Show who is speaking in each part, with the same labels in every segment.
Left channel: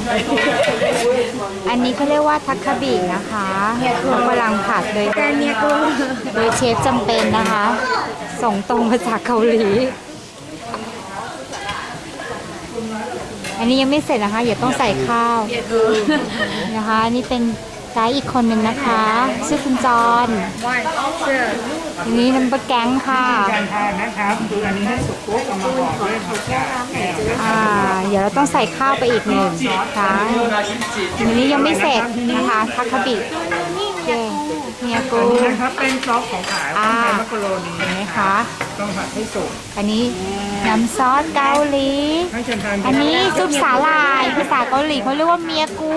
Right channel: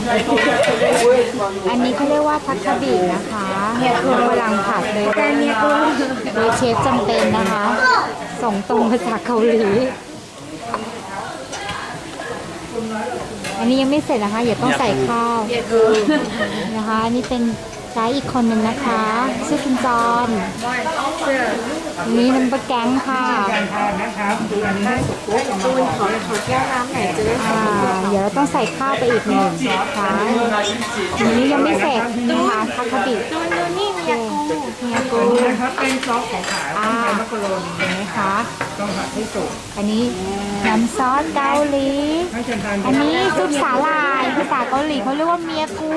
Speaker 1: อันนี้เขาเรียกว่าทักคาบินะคะกำลังผัดเลยโดยเชฟจำเป็นนะคะ ส่งตรงมาจากเกาหลี อันนี้ยังไม่เสร็จนะคะอย่าต้องใส่ข้าวนะคะอันนี้เป็นไกด์อีกคนหนึ่งนะคะชื่อคุณจอนอันนี้น้ำปลาแก๊งค่ะ
Speaker 2: การทานนะครับคืออันนี้ให้สุกปุ๊บเอามาบอกเลย
Speaker 1: เดี๋ยวเราต้องใส่ข้าวไปอีกหนึ่งครั้งอันนี้ยังไม่เสร็จนะคะทักคาบิเมียกู
Speaker 2: นะครับเป็นซอสของขายเป็นมักกะโรนี
Speaker 1: เห็นไหมคะ
Speaker 2: ต้องผัดให้สุก
Speaker 1: อันนี้น้ำซอสเกาหลี
Speaker 2: ให้เชิญทาน
Speaker 1: อันนี้ซุปสาหร่ายภาษาเกาหลีเขาเรียกว่าเมียกู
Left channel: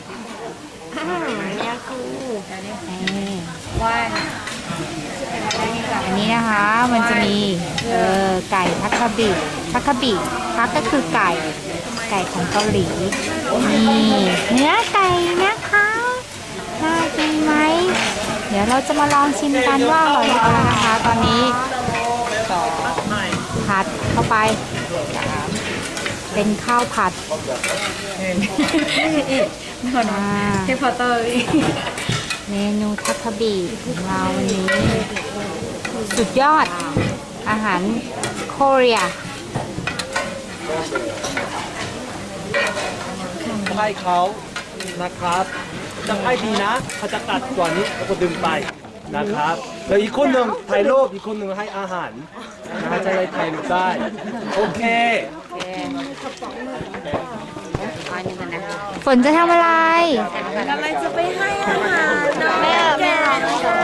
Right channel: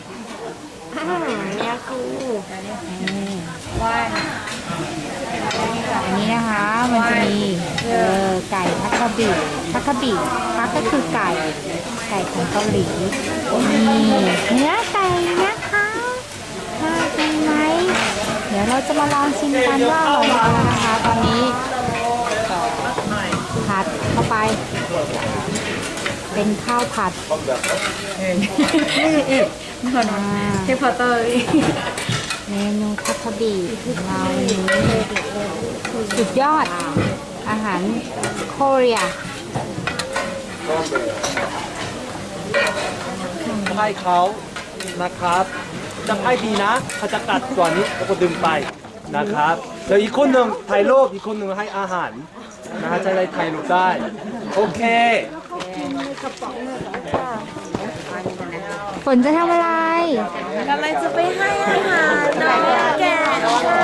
Speaker 1: อันนี้นะคะมันจะมีไก่ทักคาบิทักก็คือไก่ของเกาหลีนี่เนื้อไก่นะคะน่ากินไหมเดี๋ยวเราจะมาลองชิมกันว่าอร่อยหรือเปล่านะคะตอนนี้ผัดเข้าไปเป็นข้าวผัด
Speaker 3: เทพเตอร์
Speaker 1: เมนูทักคาบิของเราวันนี้สุดยอดอาหารโคเรีย
Speaker 4: ให้เขานะครับจะให้ดีนะเขาจะกัดก่อนนี้แล้วก็ดึงไปนะครับแล้วอีกคนหนึ่งถ่ายรูปอีกคนหนึ่งให้อาหารนะฮะจะได้ถ่ายรูปได้โอเค
Speaker 1: ฝนจะทำอะไร
Speaker 3: กำลังจะไปให้อาหารน้องแก่ค่ะ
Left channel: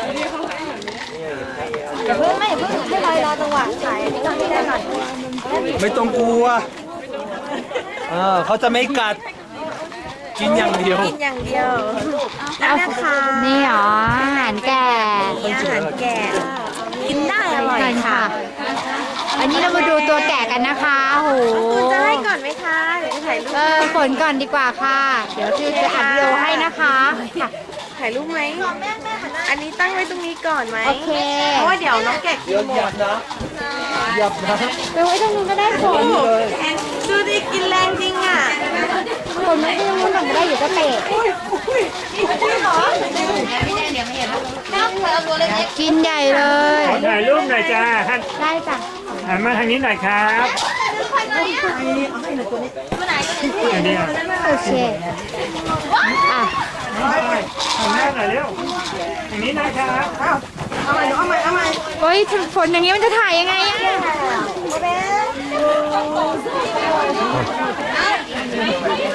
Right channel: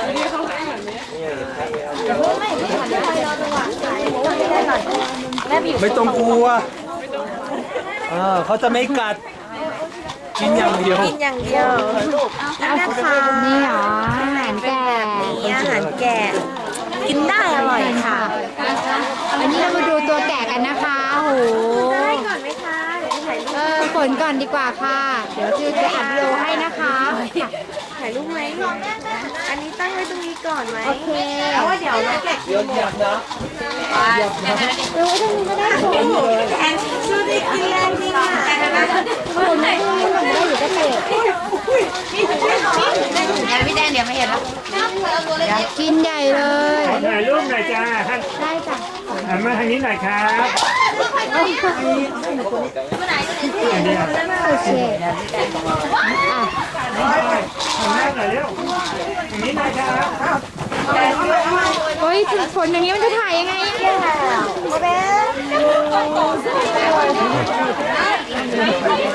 Speaker 3: อย่าเพิ่งไม่รอจังหวะขายต้องให้ได้ก่อน
Speaker 4: ไม่ต้องกลัวเขาจะไม่กัดกินอย่างเดียว
Speaker 3: นี่นะคะ
Speaker 1: นี่หรออาหารแก่
Speaker 3: นี่อาหารแก่กินได้อร่อยค่ะ
Speaker 1: อันนี้เรามาดูตัวแก่กันนะคะโห
Speaker 3: จะให้ก่อนไหมคะเดี๋ยวจะถ่ายรูป
Speaker 1: ฝนก่อนดีกว่าค่ะเดี๋ยวจะอัดวิดีโอให้นะคะ
Speaker 3: ถ่ายรูปไหมอันนี้ตั้งไว้ตรงนี้ก่อนไหม
Speaker 1: โอเค
Speaker 3: เพราะว่าเดี๋ยวน้องแกะกินหมด
Speaker 4: นะหยับนะ
Speaker 1: ไปไว้ตรงนี้ก็ได้ฝน
Speaker 3: แอนดูดิกินแรงจริงอ่ะ
Speaker 1: ฝนไม่ต้องหลังได้อยู่ก็เตะ
Speaker 3: พี่แดงเดี๋ยวไม่เห็นแล้ว
Speaker 1: กินใหญ่เลย
Speaker 2: ถ่ายรูปหน่อยจ้า
Speaker 1: ได้จ้ะ
Speaker 2: หันมาทางนี้หน่อยครับ
Speaker 1: โอเคอ่ะ
Speaker 2: หันหน้าหน่อยเร็วอย่างนี้นะครับ
Speaker 1: โอ้ยฝนอย่างนี้มันจะถ่ายยังไงอะ